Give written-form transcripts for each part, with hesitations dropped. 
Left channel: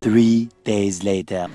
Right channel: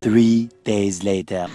Three days later.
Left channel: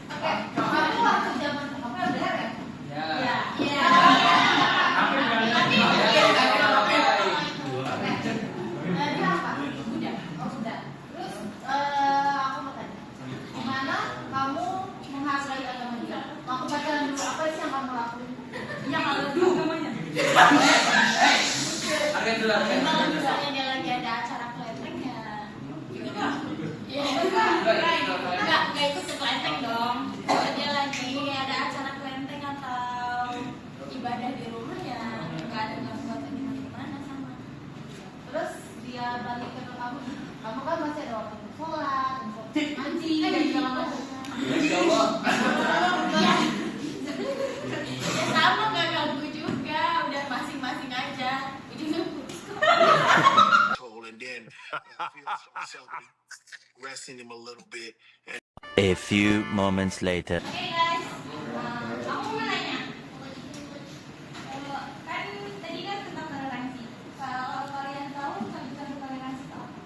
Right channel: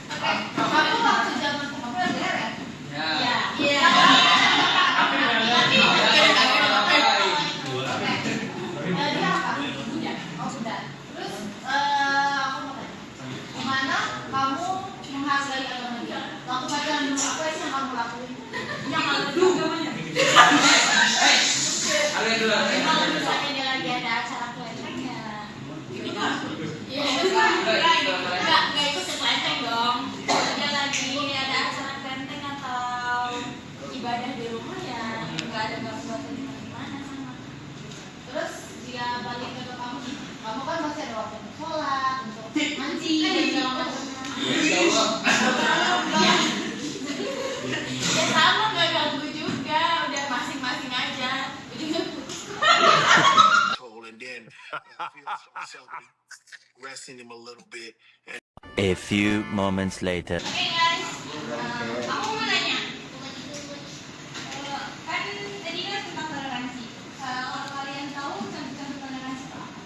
Resting him a little bit. A few moments later. Hey guys, aku mau nanya, kan tadi kan tentang toleransi. Kalau kalian tahu contoh toleransi itu apa?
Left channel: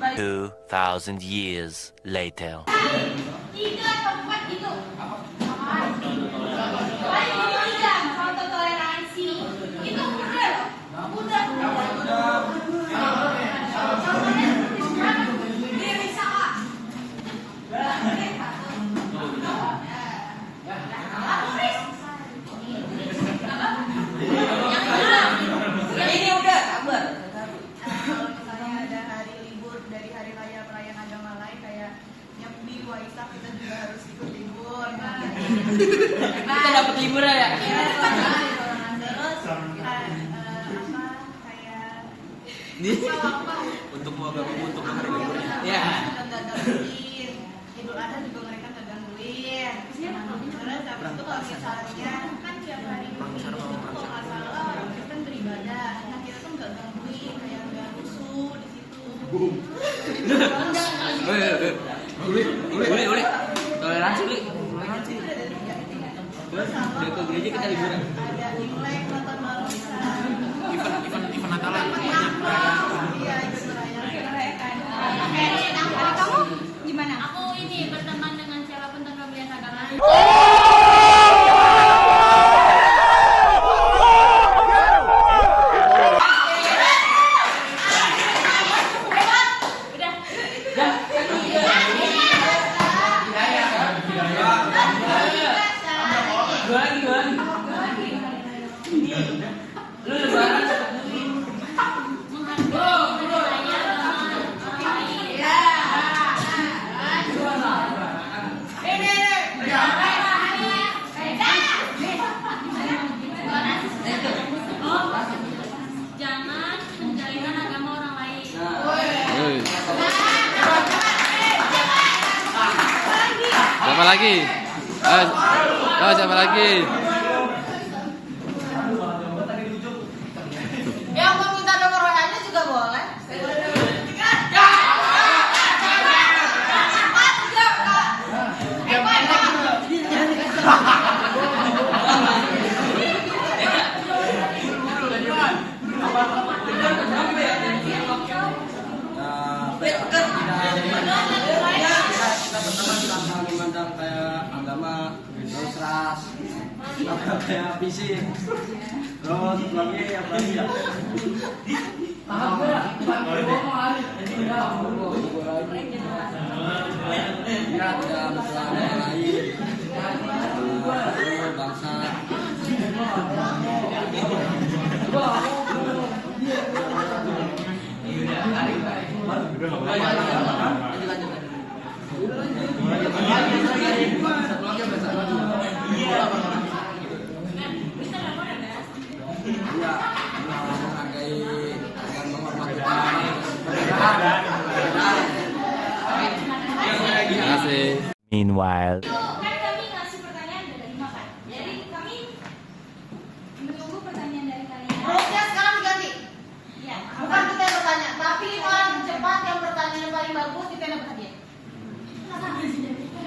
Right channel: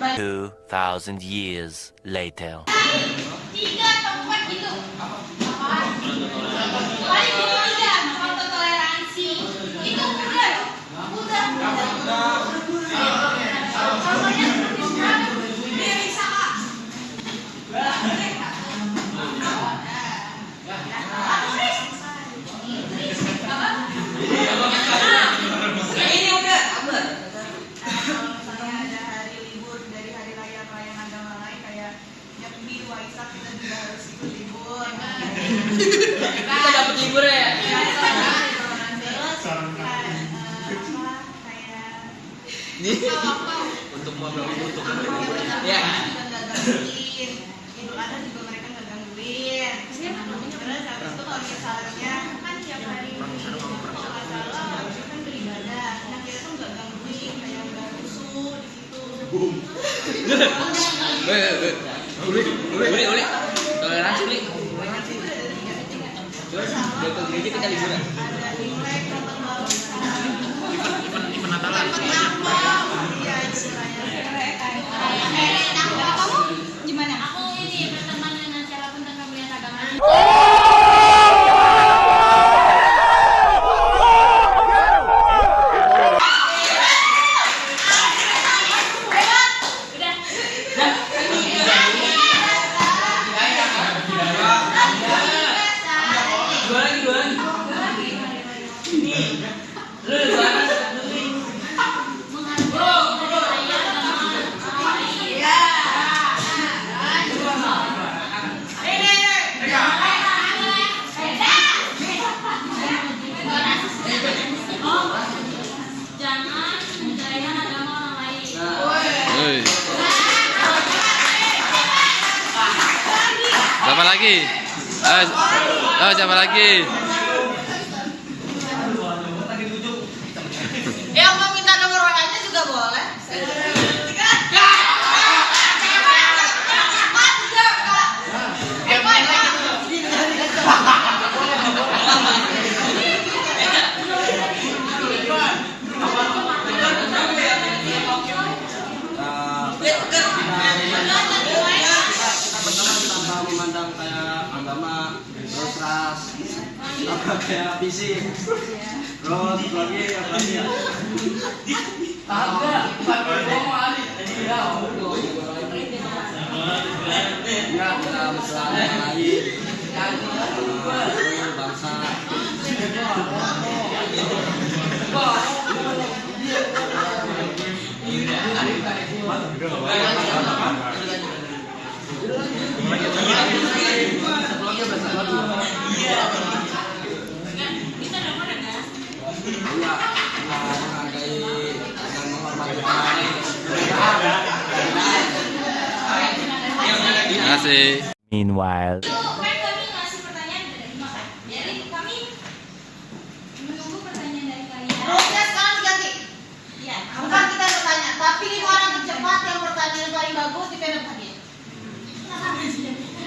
Satu 2,000 years later. 3 atau 4 gitu. Paling ini 3 contoh toleransi. Itu udah. Kita dapat libur ya. Untuk mau ya. Idul Adha juga mereka nggak gangguin. Terus habis itu kalau misalnya kan tiap hari itu kalau nggak salah harusnya kan beribadah. Nah kita tuh nggak gangguin, kayak nggak rusuh di situ. Boleh. Toleransi nih. Boleh ke gereja kita liburan. Ada Imlek, nonton bareng besar. Event Natalan. Iya istilahnya. kamu gimana? Aku ini berteman dengan cara tentang kemuliaan agama. Jangan menjadikan agama orang lain. Siapa lagi? Siapa lagi? Yang mau minta nomor WA-nya juga boleh. Kita memandang kayak agama terus ras kayak fisik terus lagi ya kita masalah yang lain bangsa Meanwhile. Kan kami ngasih pertanyaan bagus di pena bahagia. Ini mana lagi? Ya.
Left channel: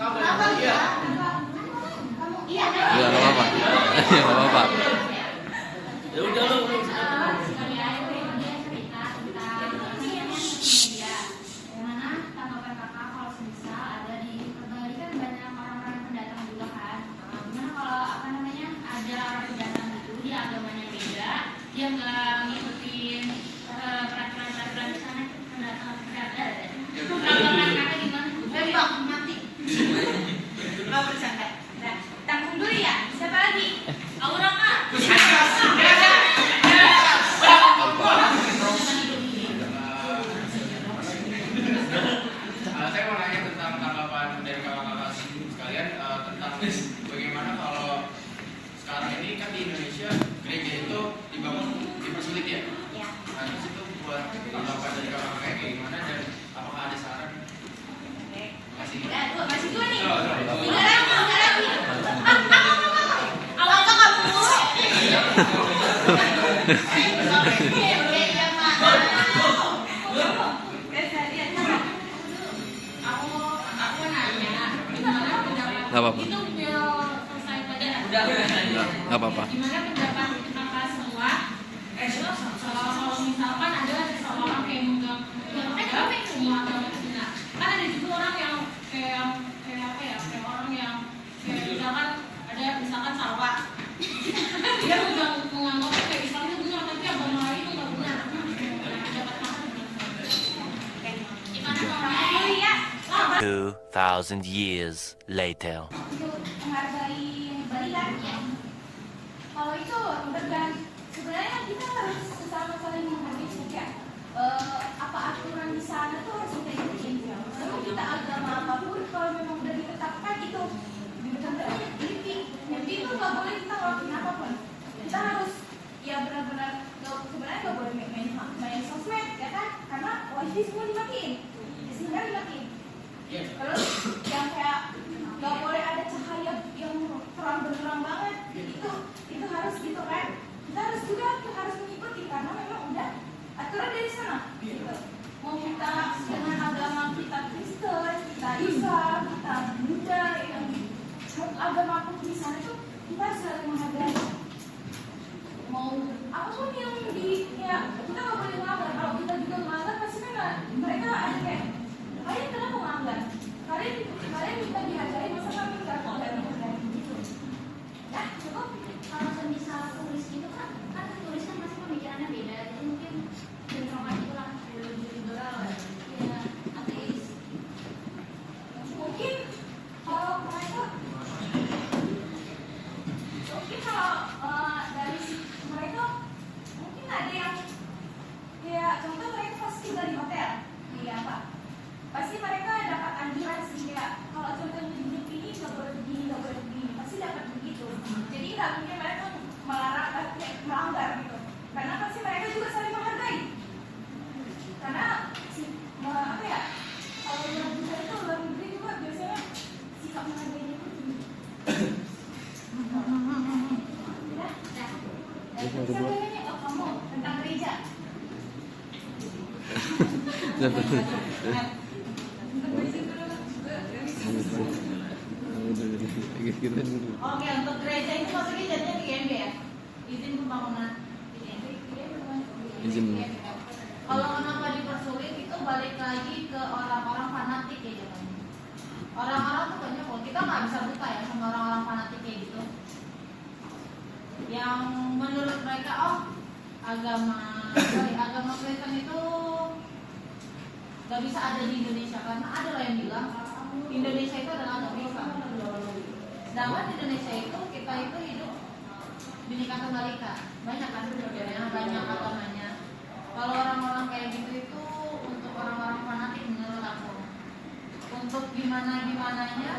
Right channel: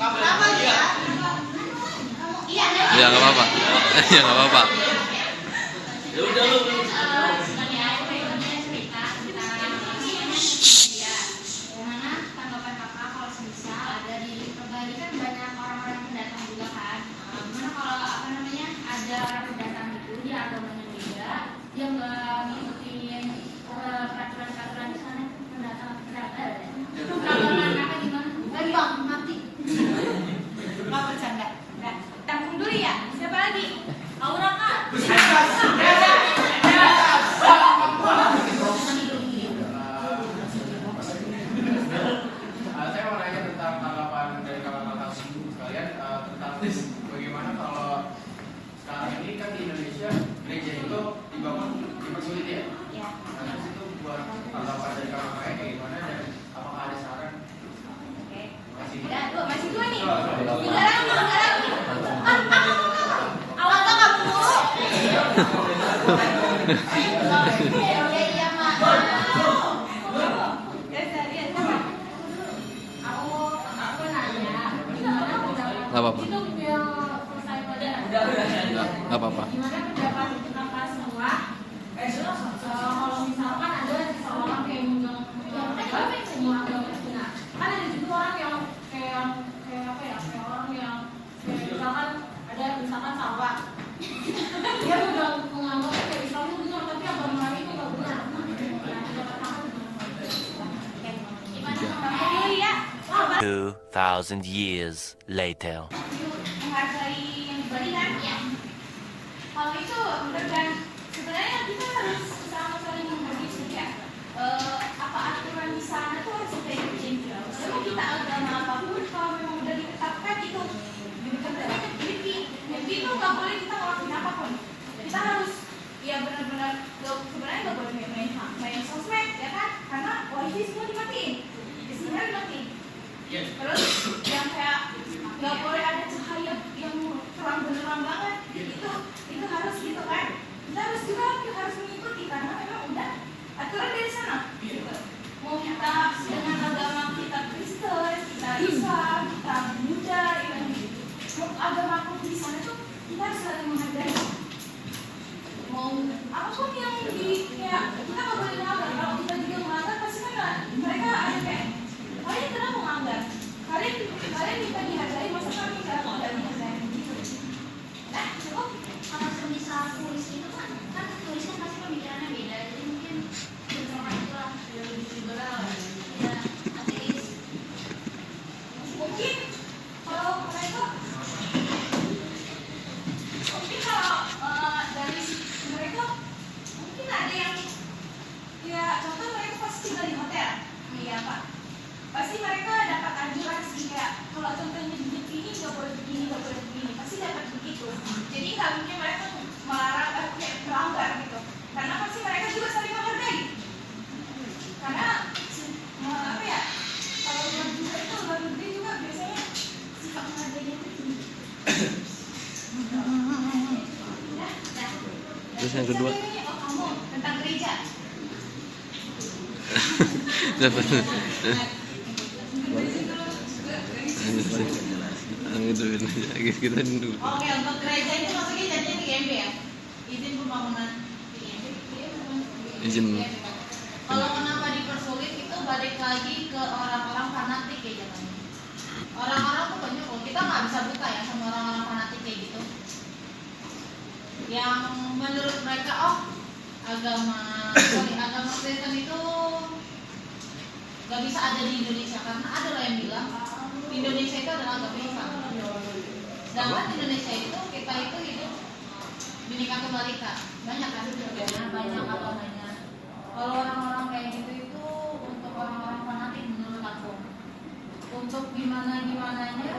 Aku kenapa? Ya nggak apa-apa. Ya nggak apa-apa. Dia nggak ngikutin peraturan-peraturan di sana pendataan gimana? Tembak mati. Nggak bercanda. Nah, tanggung dulu ya. Siapa lagi? Aura Kak. Saya mau nanya tentang tanggapan dari kakak-kakak sekalian tentang bagaimana kalau sekarang ini kan di Indonesia gereja itu dipersulit ya. Nah, terus itu buat tanggapan dari kakak-kakak kayak gimana dan apakah ada saran? Makasih. Masih dua nih. Tiga lagi. Awal tuh kamu. Aku nanya, gimana pendapat? Nggak apa-apa. Itu selesai pelajaran. Nggak apa-apa. Gimana pendapat kakak semua? Kalau misalkan ada seorang yang megang semua agama Cina, kan ada juga orang yang kayak apa ya? Kayak orang yang kayak misalkan Sarawak. Dia udah menganggap kayak Islam itu benar, tapi agama lain itu nggak benar. Pendapat kakak gimana? Gimana ya? 2,000 years later. Menghargai barisan ya. Kalau itu udah sebenarnya kita harus sama-sama menghargai juga. Apa aturan di sana tuh harus kita ikutin. Sama kita agama apapun kalau memang udah ditetapkan itu mimpi itu nggak boleh kita ngelakuin apapun. Kita harus ya benar-benar sebenarnya nggak boleh main sosmed ya kan? Karena wifi semua dimatiin, sinyal dimatiin. Terus yang kayak nggak boleh ada cahaya yang terang benderang banget, itu harus gitu kan? Kita harus mengikuti karena memang udah aturan dari sana. Gitu. Mau kita dengan agama kita Kristen, kita Islam, kita Buddha, mau agama pun di sana tuh kita harus saling menghargai. Mau apapun yang kita nggak boleh melanggar. Kalau kita juga melanggar pasti kan mereka ada kayak kalian kenapa melanggar? Kalian minta dihargai, masa kami nggak menghargai gitu? Nah, cukup. Kalau semisal tulis itu kan tulisnya pasti pemikirannya beda, jadi mungkin bentrokan itulah lebih liberal ya, ateis. Mungkin kalau mereka dari mereka mungkin ada yang ya contoh mereka pasti tinggal di hotel, ya apa? Pasti mereka dapat anjuran sih kayak kalau contohnya hidup ini nggak boleh begini, pasti dapat begitu. Jadi nggak mungkin mereka melarang melanggar gitu, karena pasti mereka juga saling menghargai. Karena apa ya? Kalau luar negeri juga biasanya sifat menghargainya itu tinggi. Terus yang kedua. Oh, kamu tentang gereja. Dapat. Kita dulu. Oke, untuk gereja ini maksudnya jadinya di IMB ya? Izin pembangunan Izin. Kalau kenapa dipersulit itu balik lagi ke orang-orang fanatik ya jadinya. Orang-orang tuh banyak kok, kita nggak bisa buka ya sama orang-orang fanatik kayak gitu. Yang menurut mereka agama Kristen itu nggak bisa ada di Indonesia karena ada loh yang bilang Indonesia itu adalah agama Islam. Sedangkan di Indonesia itu kita itu hidup Bhinneka Tunggal Ika, banyak kan banyak agamanya. Kalau orang-orang kayak gitu itu untuk orang-orang fanatik menurut aku. Untuk gimana-gimananya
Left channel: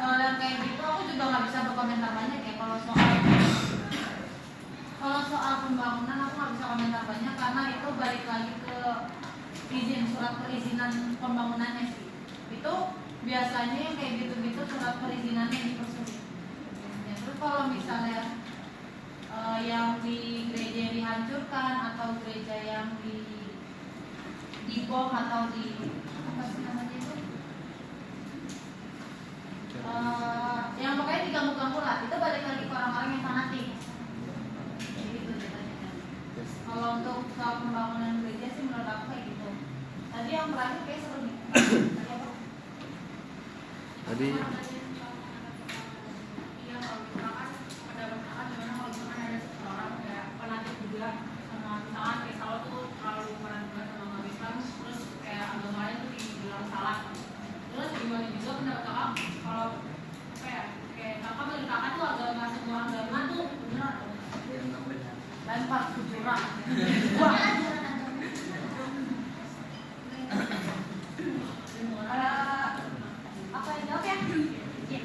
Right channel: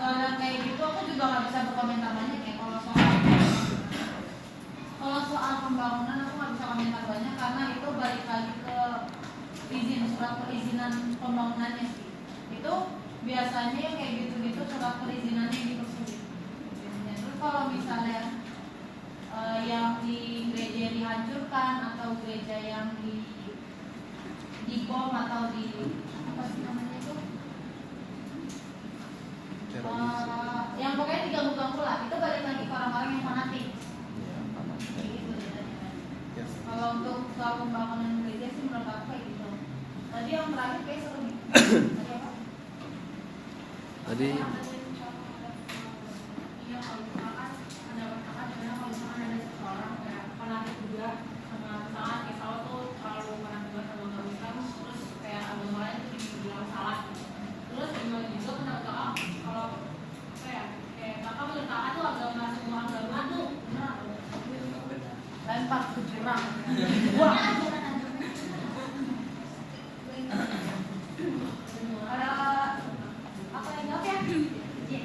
kalau kayak gitu aku juga nggak bisa berkomentar banyak ya kalau soal pembangunan aku nggak bisa komentar banyak karena itu balik lagi ke izin, surat perizinan pembangunannya sih. Itu biasanya yang kayak gitu-gitu surat perizinannya dipersulit. Terus kalau misalnya yang di gereja yang dihancurkan atau gereja yang dibom atau di apa sih namanya itu, yang pokoknya diganggu-ganggu lah, itu balik lagi ke orang-orang yang fanatik. Gitu. Kalau untuk soal pembangunan gereja sih menurut aku kayak gitu. Tadi yang terakhir kayak seru nih. Tadi apa? Tadi Iya, kalau misalkan pendapat kakak gimana kalau misalkan ada seseorang kayak fanatik juga sama misalkan kayak Saul tuh terlalu fanatik banget sama agama Islam, terus kayak agama lain tuh dibilang salah. Terus gimana juga pendapat kakak kalau apa ya, kayak kakak menurut kakak tuh agama semua agama tuh benar atau enggak? Lempar ke jurang. Apa yang jawab ya? Iya.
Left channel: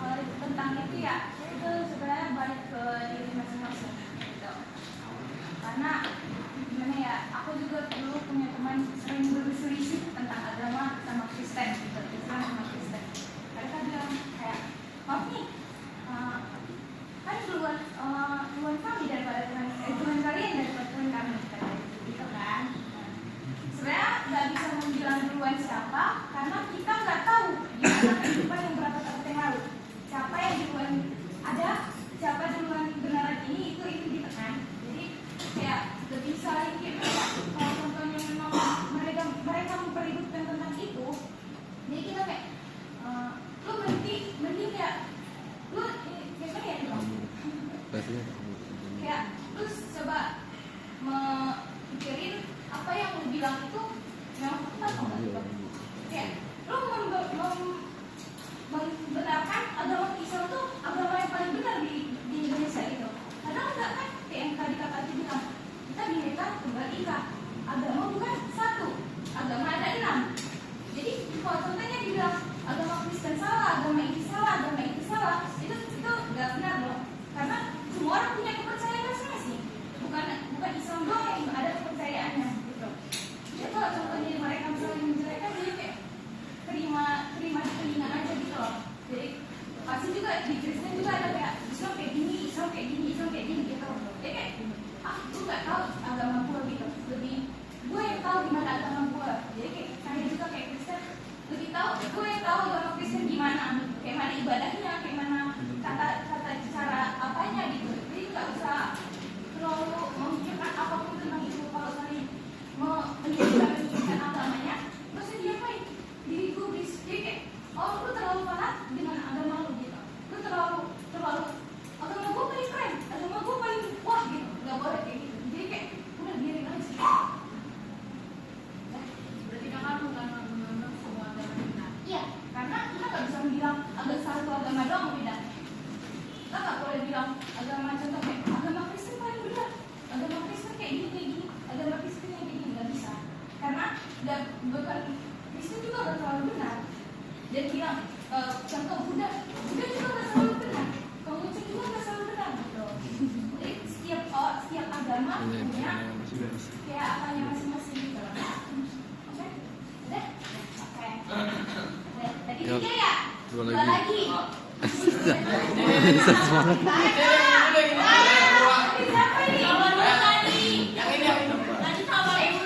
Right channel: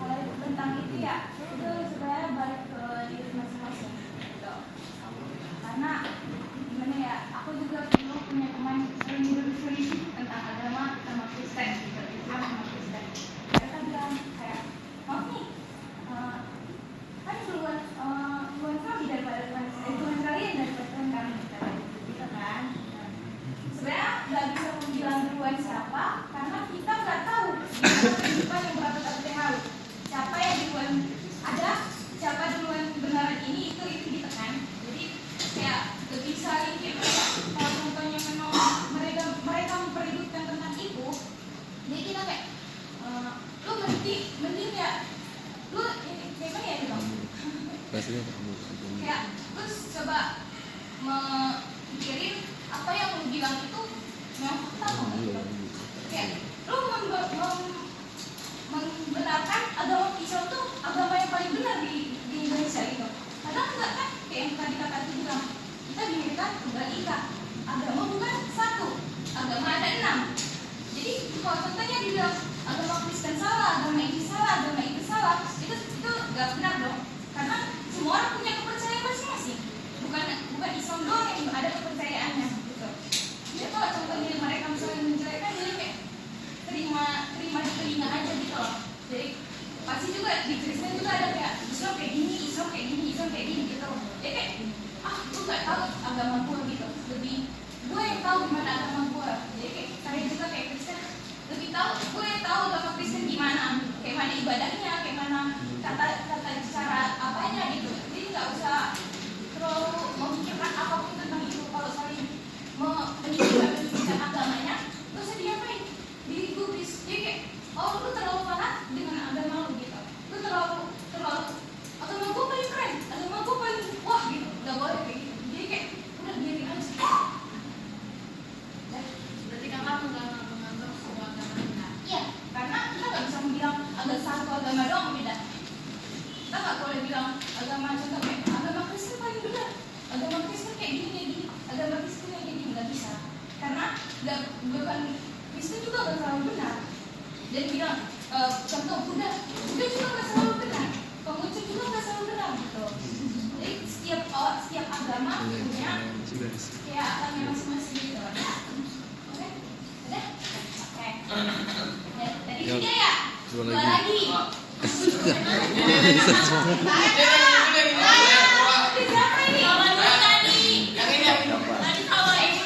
Kalau tentang itu ya, itu sebenarnya balik ke diri masing-masing. Gitu. Karena gimana ya, aku juga dulu punya teman sering berselisih tentang agama sama Kristen, gitu. Islam sama Kristen. Mereka bilang kayak, maaf nih, kan duluan kami daripada Tuhan kalian daripada Tuhan kami, gitu kan? Sebenarnya nggak bisa bilang duluan siapa, karena kita nggak tahu kehidupan yang berapa tahun yang lalu. Siapa yang duluan ada, siapa duluan benar ini itu gitu kan. Jadi kayak nggak bisa gitu ya. Kalau contohnya memang mereka memperhitungkan tentang itu, jadi kita kayak lu mending ya lu gimana ya dong? pastinya kamu. Kayak terus coba mikirin apa yang lu bilang itu memang benar atau enggak. Kayak lu membenarkan agama Islam tuh agama yang paling benar di Indonesia gitu. Padahal enggak kan, kayak yang tadi kakak bilang, kita bineka tunggal ika, agama bukan satu, agama ada 6. Jadi kalau contohnya dibilang agama Kristen salah, agama ini salah, agama itu salah, itu nggak benar dong. Karena semua orang punya kepercayaan masing-masing. Bukan Islam doang yang ada kepercayaannya gitu. Jadi kalau contohnya mereka misalnya menjelekkan, jadi kayak terima di telinga aja gitu loh. Jadi pasti juga di Kristen juga ada kayak Islam kayak gini, Islam kayak gini, Islam kayak gini gitu. Jadi kayak gue nggak tahu agama gue gitu. Lebih gue yang tahu gimana agama gue. Jadi kayak juga kayak Kristen lebih tahu, gue yang tahu agama Kristen gimana, kayak mana ibadahnya, kayak mana kata cara apanya gitu. Jadi nggak usah terlalu memikirkan apapun tentang itu. Kalau saling meninggikan agamanya, gak usah diapain, diri gue jadi kayak lu terlalu fanatik dengan agama lu gitu. Lu terlalu agama gue paling keren, agama gue paling wah gitu. Gak boleh kayak gitu. Jadi kayak udah biarin aja sih. Berarti kakak menganggap semua agama benar? Iya, karena kita gak bisa bilang ada satu agama doang beda. Kita gak boleh bilang agama contoh kayak agama Kristen paling benar, agama Kristen kayak gini, agama Kristen kayak gini, nggak bisa. Karena bukan Kristen juga gak selalu benar. Dan bilang contoh Buddha juga gak selalu benar, Konghucu juga gak selalu benar gitu. Jadi setiap agama punya kayak apanya masing-masing gitu. Oke, udah? Oke. Tadi tiga ya? Dua Dua lagi. lagi. Semangat. Siapa ini? Tadi sama ini.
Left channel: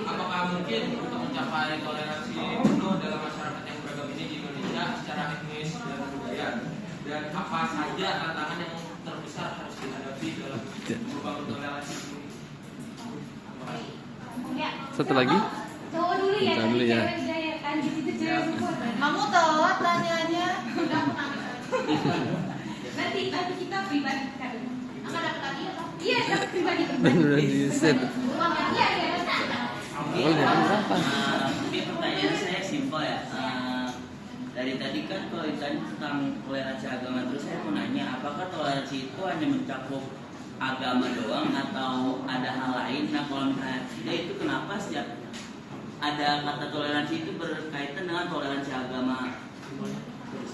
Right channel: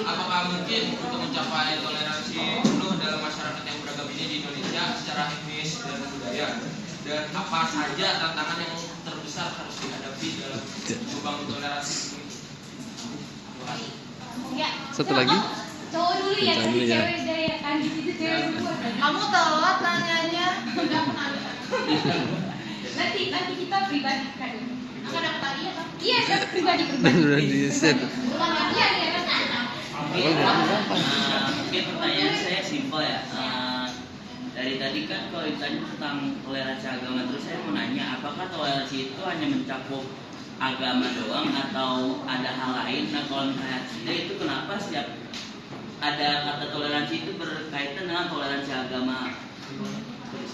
Apakah mungkin untuk mencapai toleransi penuh dalam masyarakat yang beragam ini di Indonesia secara etnis dan budaya, dan apa saja tantangan yang terbesar harus dihadapi dalam membangun toleransi ini? Satu lagi. Cowok dulu ya. Kita dulu ya. Kamu telat tanyanya. Nanti kita pribadi kan. Akan dapat lagi ya, Pak? Iya, kita pribadi. Dan udah di set. Iya. Mungkin pertanyaan saya simpel ya. Dari tadi kan kalau ditanya tentang toleransi agama, terus saya mau nanya, apakah toleransi itu hanya mencakup agama doang atau ada hal lain? Nah kalau misalnya tidak, itu kenapa setiap ada kata toleransi itu berkaitan dengan toleransi agama?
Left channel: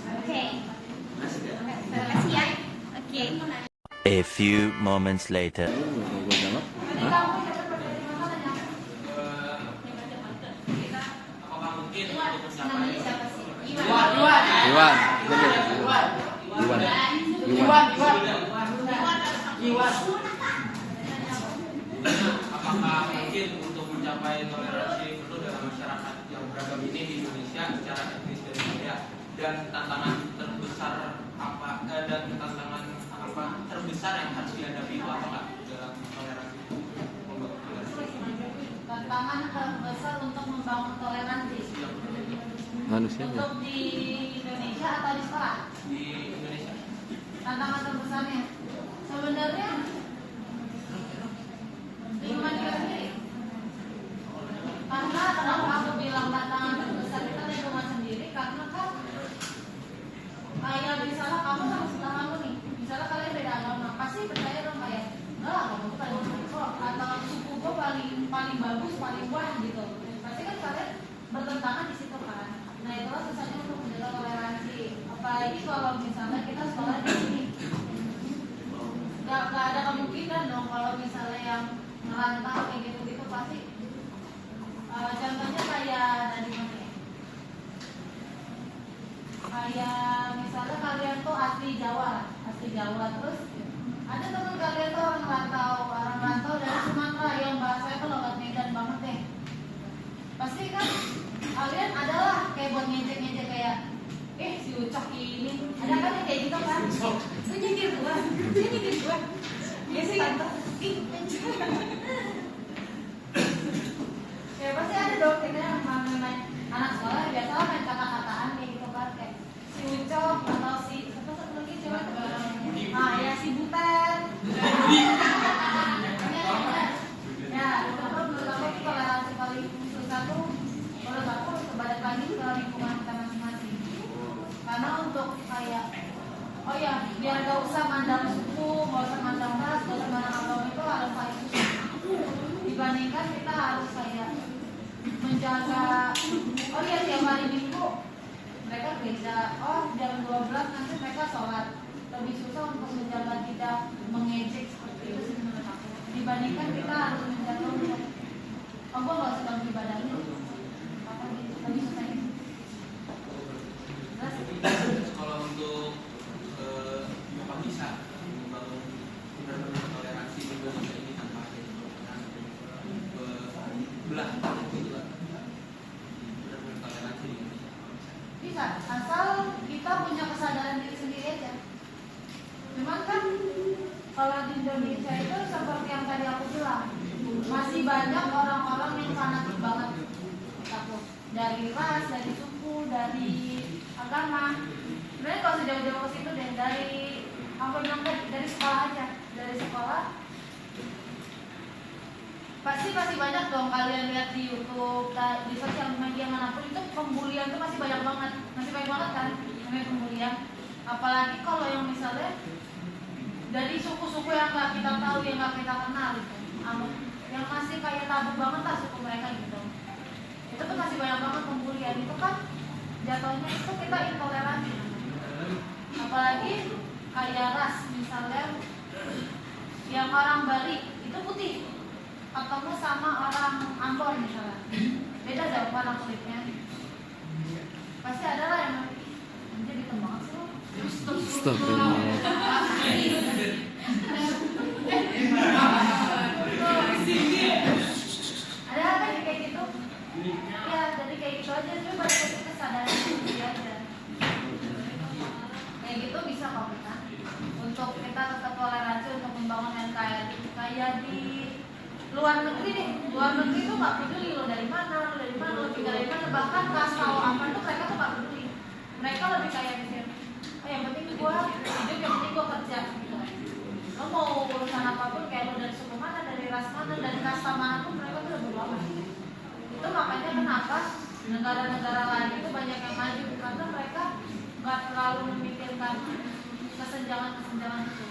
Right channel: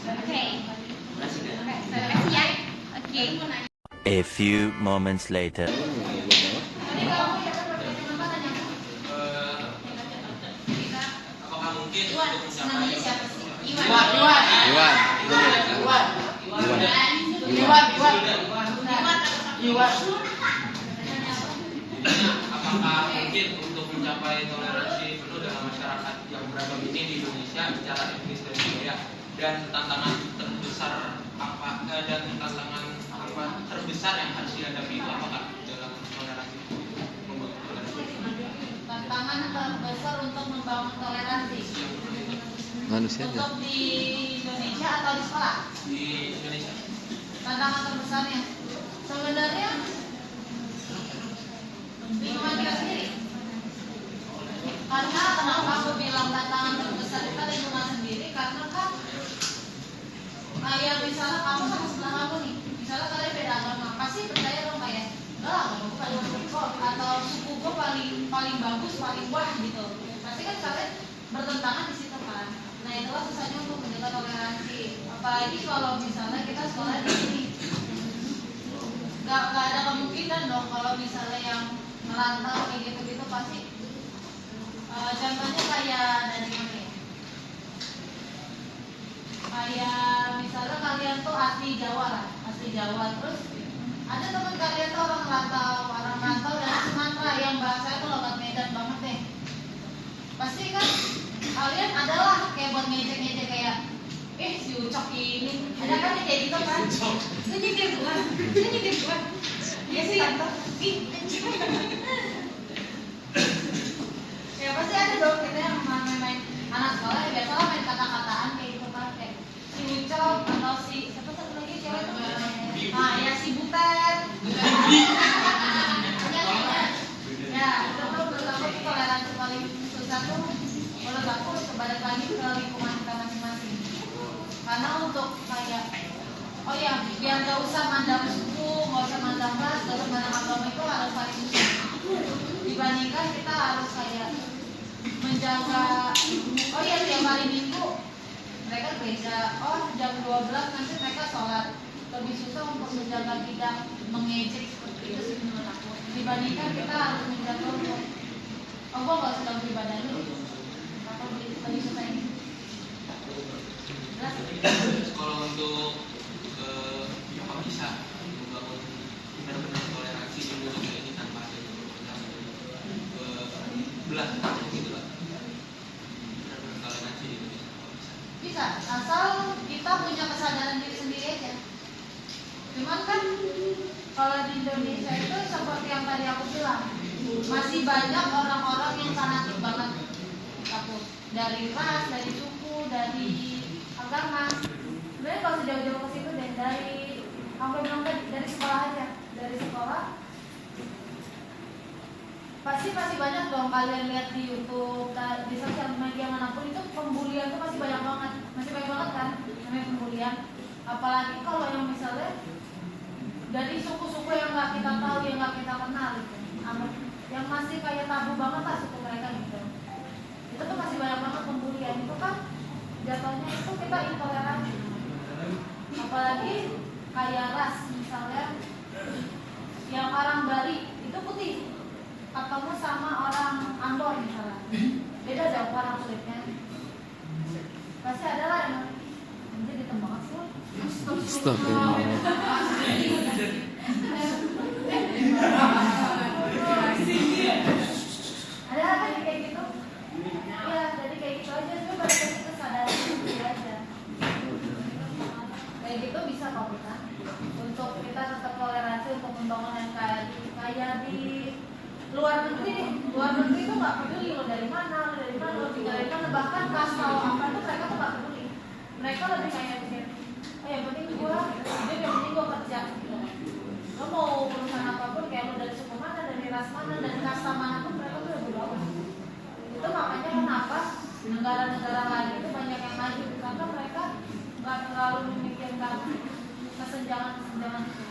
Oke. Terima kasih, Kak. Terima kasih ya. Oke. A few moments later. Tadi kamu yang bertanya tanya. Apakah mungkin Iwan, untuk namanya mencapai siapa sih? Iwan. apakah mungkin untuk mencapai toleransi penuh dalam masyarakat yang beragam ini di Indonesia secara etnis dan budaya, dan tantangan terbesar apa dan tantangan apa terbesar yang harus dihadapi itu apakah dalam toleransi itu? Membangun toleransi. Tantangan terbesar untuk membangun toleransi Manusianya. untuk di Indonesia atau di sekolah? Di Indonesia. Tantangan terbesarnya sebenarnya lingkungan kita sendiri. Karena kenapa aku bilang tantangan terbesar kita lingkungan sendiri? Karena kan kayak misalnya kamu sama sebelah kamu nih, misalnya kalian beda agama, pasti percaya dong kayak, enggak, agamaku paling bagus kok, atau suku gue paling bagus, paling wah gitu. Pasti kan kalian bertentangan di situ kan. Nah itulah susahnya untuk menjaga toleransi. Apalagi kalau misalnya kita sekolah di sini, nggak ada kemungkinan dong kalau misalnya yang merantau kayak gitu-gitu pasti. Contohnya kayak dari mana ya? Kayak misalnya kalian tuh asli Jawa lah, asli Jawa, terus ada teman kalian tuh orang rantau dari Sumatera yang bahasanya tuh logat Medan banget deh. Pasti kan kalian adalah kayak buat ngejek-ngejek kayak, si Ucok ini, ada kan yang kayak gitu kan? Itu nyindir gua, iya sih tante, ya pasti ada dong kita yang main anak sekolah biasalah main kata-kataan kayak gitu kan, kayak si Ucok atau si siapa satu lagi cewek tuh, nah ya si Butet, ya itu tuh menurut aku toleransi paling susah tuh menurut aku kembali lagi ke lingkungan kita masing-masing. Karena untuk kayak, oh ya biar gak usah mandang suku, gak usah mandang ras, gak usah mandang agama itu harus paling susah. Dibandingkan kita harus kayak menjaga, oh ya tiap hari minggu mereka gereja, oh jam 12 nanti mereka sholat. Lebih susah untuk menjaga tidak mengejek seperti itu sih menurut aku. Dibandingkan kita harus menjaga untuk, oh gua gak usah ganggu ibadah lu, atau lebih susah ini. Kalau untuk apa bisa membangun benar-benar toleransi di Indonesia ini tanpa ada perubahan belah gitu lah, benar-benar toleransi di Indonesia apa bisa? Bisa, asal kita punya kesadaran diri sendiri aja. Cuman kan kalau di Indonesia itu seperti yang tadi aku bilang, masih banyak orang-orang yang fanatik banget takut dari ras, dari suku, dari agama. Sebenarnya kalau sejauh-jauh ke situ deh, dari aku bilang dari sekolah aja, dari sekolah pasti masih banyak dong kalian lihat di YouTube, di sosial media manapun itu pembulian tuh masih banyak banget kan namanya pembulian. Apalagi kalau yang misalnya dari suku-suku yang nggak kita tahu, yang nggak kita kenal gitu, yang masih kayak tabu banget lah suku mereka gitu, itu tuh masih banyak banget pembulian. Itu kan jatuhnya itu kita intoleransi. Apalagi kayak ras misalnya, yang orang Bali itu putih ketemu sama orang Ambon misalnya, beda jauh warna kulitnya, pasti ada lah yang jadi hitam banget sih lo. Astagfirullah. Ada apa yang kayak gitu? Ya jadi kayak gitu aja, tapi balik lagi kesadaran diri aja. Kayak gitu bisa kok kita, untuk kita tetap toleransi, untuk membangun NKRI. Kayak di luar negeri nih, luar negeri itu nggak peduli lo dari mana, lo tinggal dari mana, bahkan kasih tahu apa tuh mereka tuh nggak peduli. Mereka lebih kayak mikir, oh yang penting gua hidup, yang penting gua kerja gitu. Lo mau urusan apapun, kayak lo dari suku mana, dari ras mana, dari kasta mana pun mereka tuh lebih amat. Itu makanya kenapa negara-negara lain itu banyak yang maju, karena mereka nggak terlalu memikirkan kesenjangan itu.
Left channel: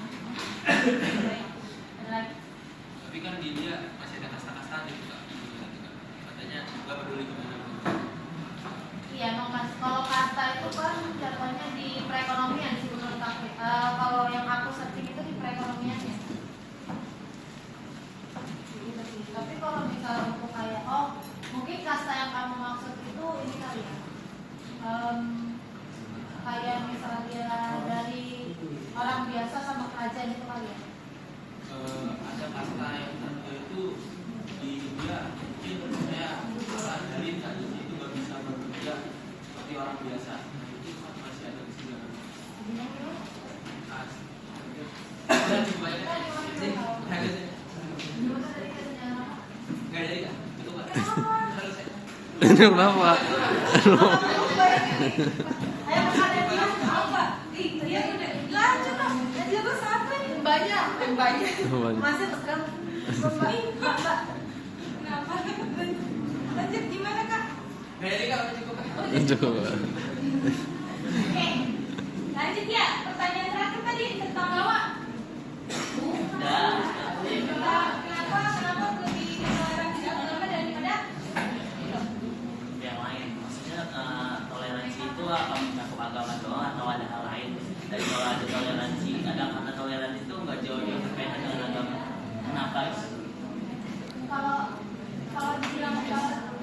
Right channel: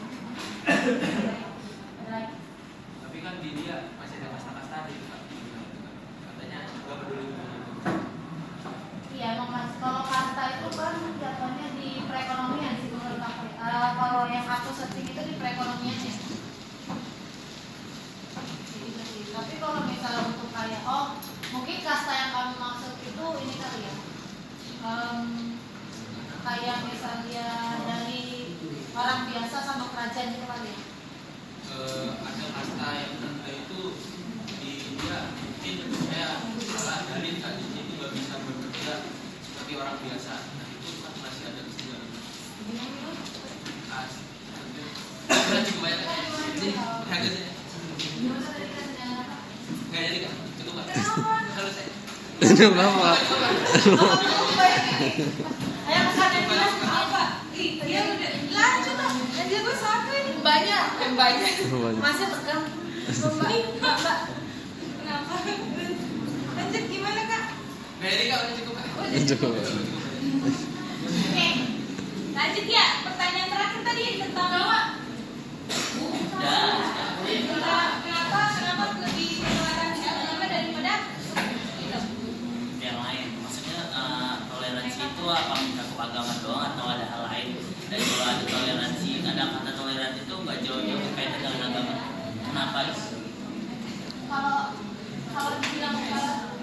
Ini kenapa? Ayo pesantren dia apa? Dia udah lanjut lah. Dia tuh pesantren banyak. Banyak. Masih pegang. Bapak. Kenapa? Lanjut gimana kak? Coba. Oke. Lanjut ya. Pertanyaan terakhir tadi tentang bawa. Kenapa lebih toleransi agama daripada itu? Yang lain, maksudnya toleransi itu apa mencakup agama doang atau ada hal lain? Dan kalau ada toleransi, ada kata toleransi itu nggak jauh-jauh berkaitan dengan agama. Kenapa? Kalau dibilang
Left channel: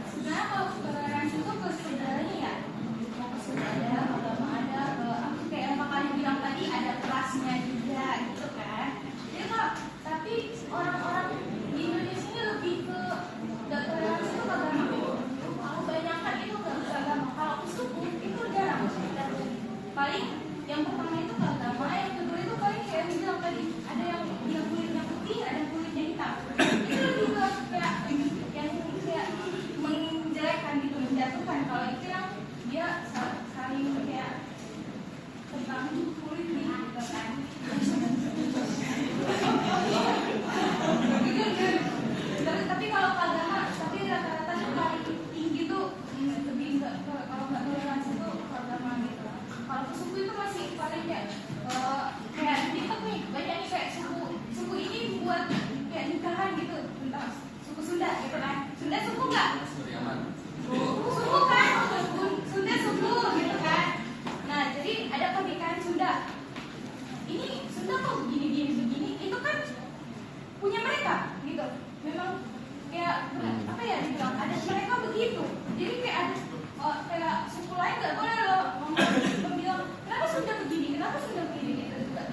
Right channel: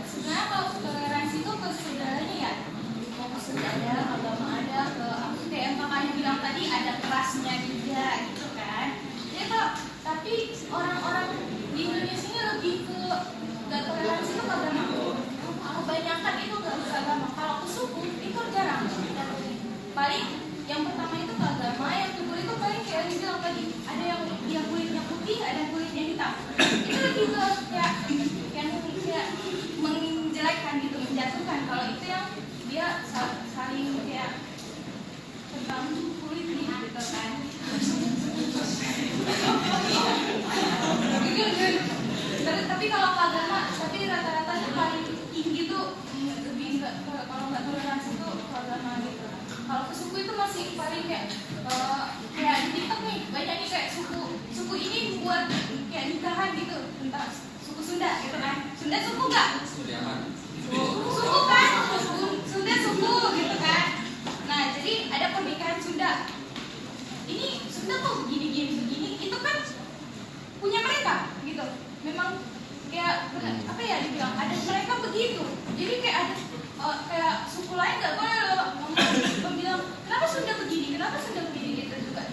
sebenarnya kalau toleransi itu ke segalanya ya, mau ke ada agama ada ke kayak yang kakaknya bilang tadi ada kelasnya juga gitu kan. Jadi tapi orang-orang di Indonesia ini lebih ke gak toleransi itu ke agama. Kebanyakan itu gak ke agama. Kalau ke suku itu jarang. Dan paling yang pertama itu ke agama, yang kedua itu paling kayak yang bilang tadi ada yang kulitnya putih, ada yang kulitnya hitam. Itu lebih ke kayak yang kayak menjelekkan gitu, menjatuhkan. Kalau itu yang dia saling kayak tentang kulit gitu kan. Tapi kalau ke agama, tapi rata-rata tuh paling tinggi tuh lebih enggak kalau nggak toleransi tuh ke agama gitu. Kalau ke suku itu masih paling kayak di TikTok nih banyak nih kayak suku ini buat kayak nikahan gitu tentang suku Sunda gitu kan. Sunda suku nggak? Suku kan? Sunda suku gitu kan. Nah jadi ada pernikahan Sunda. Ini Sunda kok begini itu kan punya mereka gitu. Memang kayak apa ya dibilang ada mereka begitu. Jadi kayak ada kayak suku lain nggak boleh loh ngomong bilang kenapa Sunda begini gitu juga.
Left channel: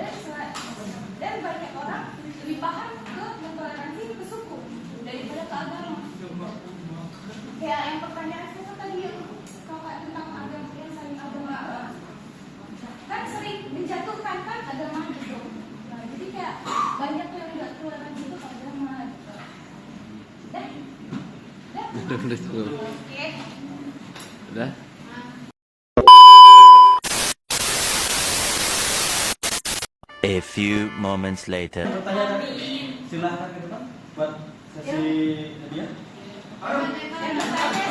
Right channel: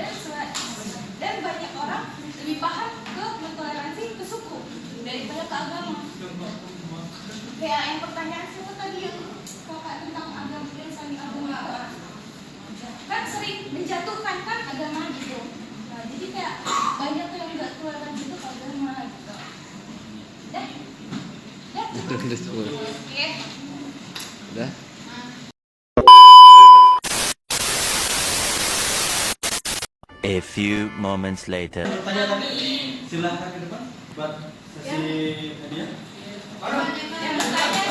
Dan banyak orang lebih paham ke mentoleransi ke suku daripada ke agama. Kayak yang pertanyaan siapa tadi yang kakak tentang agama yang saling agama kan sering menjatuhkan kan agama gitu. Nah jadi kayak banyak yang nggak toleransi itu ke agama gitu. Udah. Oke. Udah. A few moments later. Silakan ke depan buat sesi hadiah. Yang bertanya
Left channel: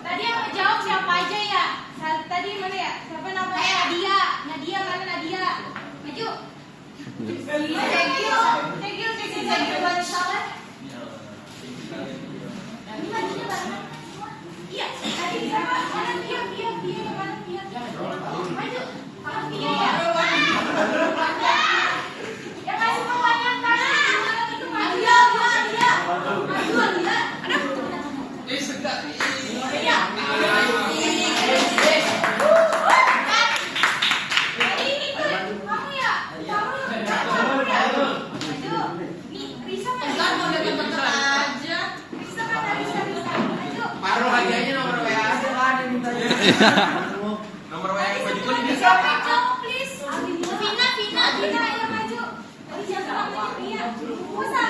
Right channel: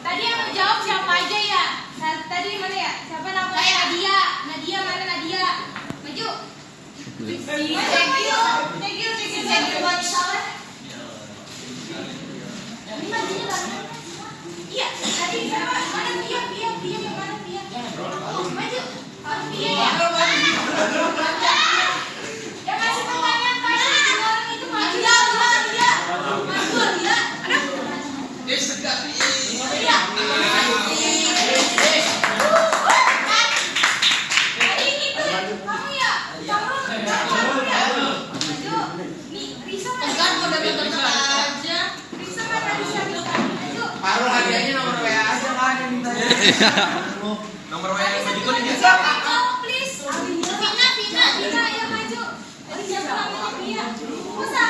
tadi yang menjawab siapa aja ya? Tadi mana ya? Siapa namanya? Nadia mana Nadia? Maju. Segil buat salah. Ini Nadia mana? Iya, tadi siapa? Mana Pia yang mana Pia? Maju. Pia ya. Yang masih pertanyaan tadi orang itu maju ya. Maju ya. Iya. Tadi itu kamu ya. Kamu ya. Maju. Nih, Risa mana? Aja. Risa mana bisa maju. Paruh hadiahnya nomor WA aja kan yang mintanya. Nomor WA yang berikut ini. Siapa kamu please? Vina ayo maju. Siapa namanya Vina? Masa?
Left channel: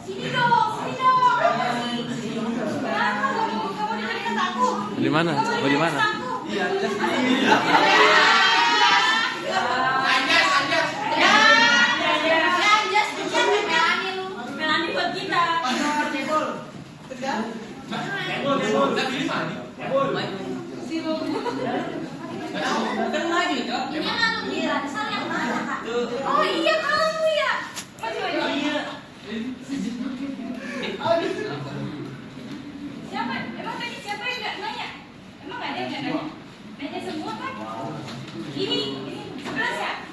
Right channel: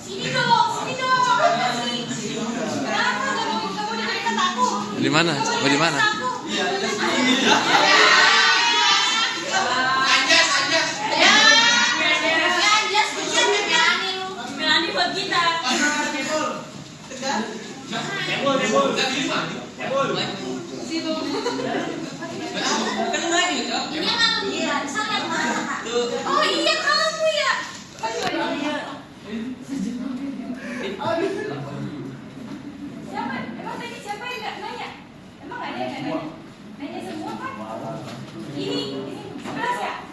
Sini dong. Kenapa kamu dengerin kata aku? Di mana? Mau di mana? Ini anak Ansar yang mana kak? Oh iya kamu ya. Maju. Siapa? Emang tadi siapa yang nggak nanya? Emang ada yang nggak nanya? Nanya semua kan? Ini 11 ya?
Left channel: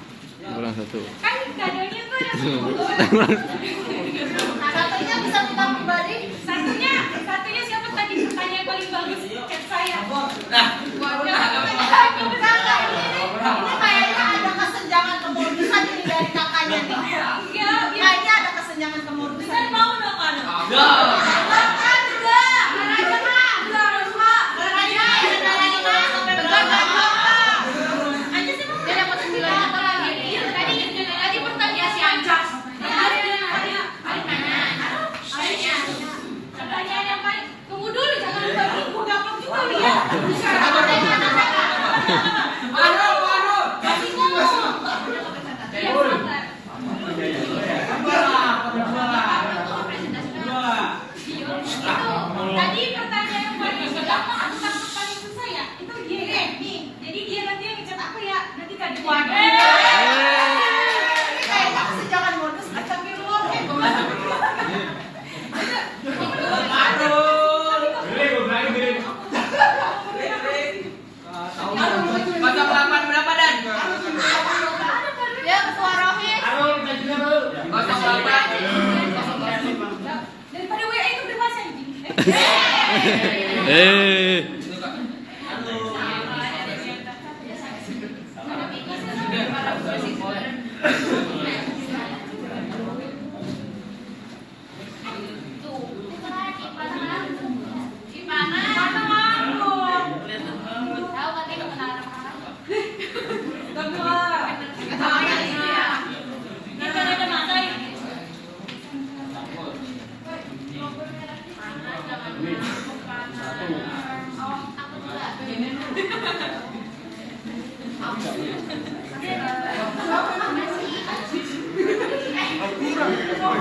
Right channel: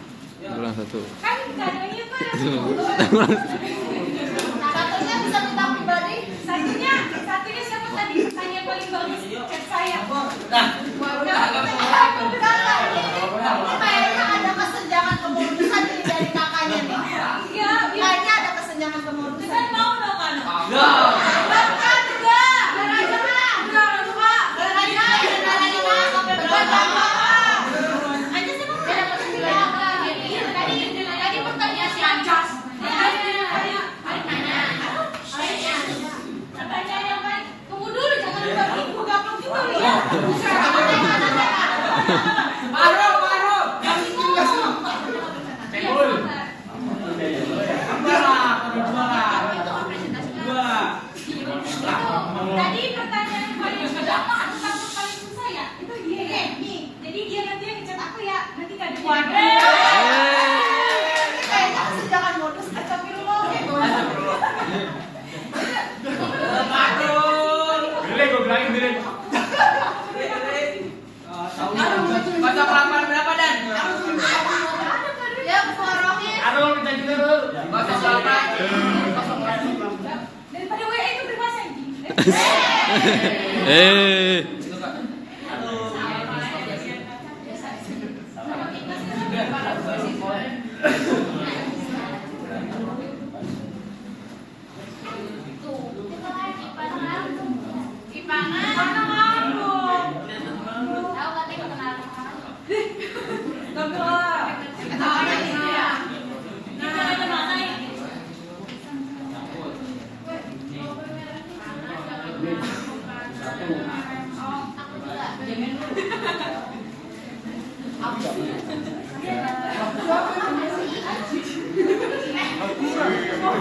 Kurang satu. Kan kadonya tuh yang satunya bisa minta kembali. Satunya siapa tadi pertanyaan paling bagus chat saya. Ini kayaknya ada kesenjangan kemodusan ini dari kakaknya nih. Enggak, Kayaknya ada kesenjangan kemodusan. kan mau dong kan? Kasih ngomong. Iya, sebentar. Tadi pertanyaan yang paling gampang atau takut paling susah ya? Itu dia ya. Jadi dia nanti yang ngecat aku ya. Nanti tadi. Kayaknya mesti jangan modus astagfirullah. Baca halaman berapa dan? Ya, ketua rohim. Baca halaman. Daripada WA itu berbahasa anjing.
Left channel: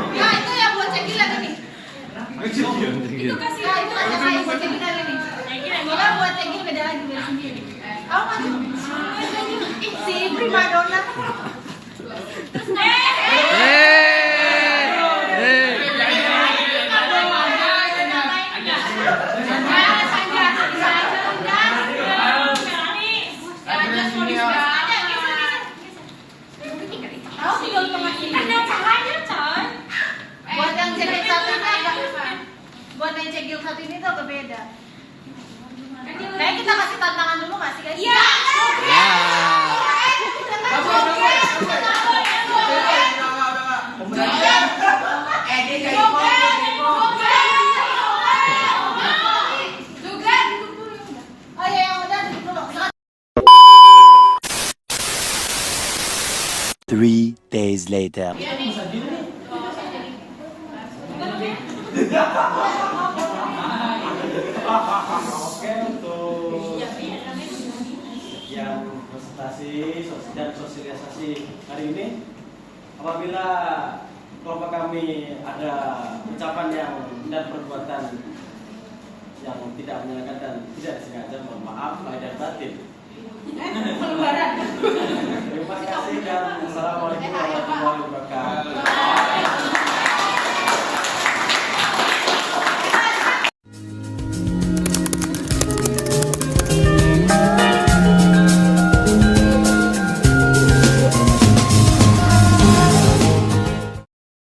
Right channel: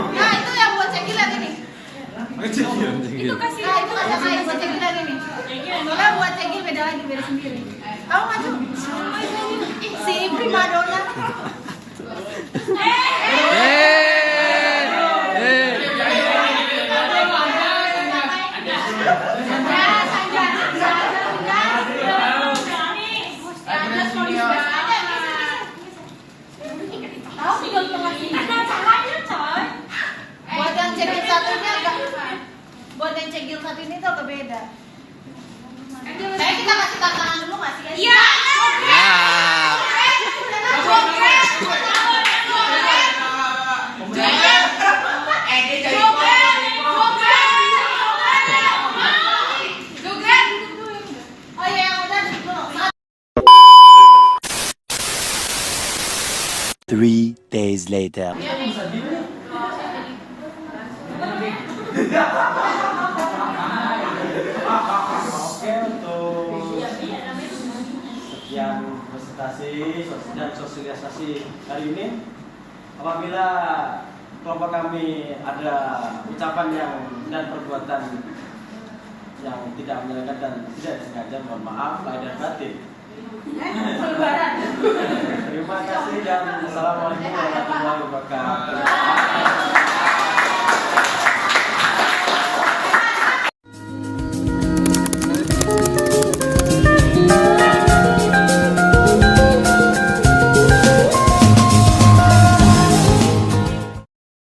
Nah, itu yang buat cekil lagi nih. Itu kasih. Nah, itu kasih saya buat cekil lagi nih. Nila buat cekil beda lagi beda sendiri. Kamu maju. Si primadona. Buat yang cekil satunya agak buat yang cekil satu ini tuh agak beda. Kayak kita kasih tantangan dulu nggak sih guys? Iya. Oh iya yang udah dulu. 3 days later. Oke, untuk sekian presentasi dan sosialisasi hari ini, apabila kelompok kami ada ucapan yang dan perbuatan yang tidak menyenangkan dan tidak disengaja, mohon maaf lahir dan batin. Terima kasih dan assalamualaikum warahmatullahi wabarakatuh.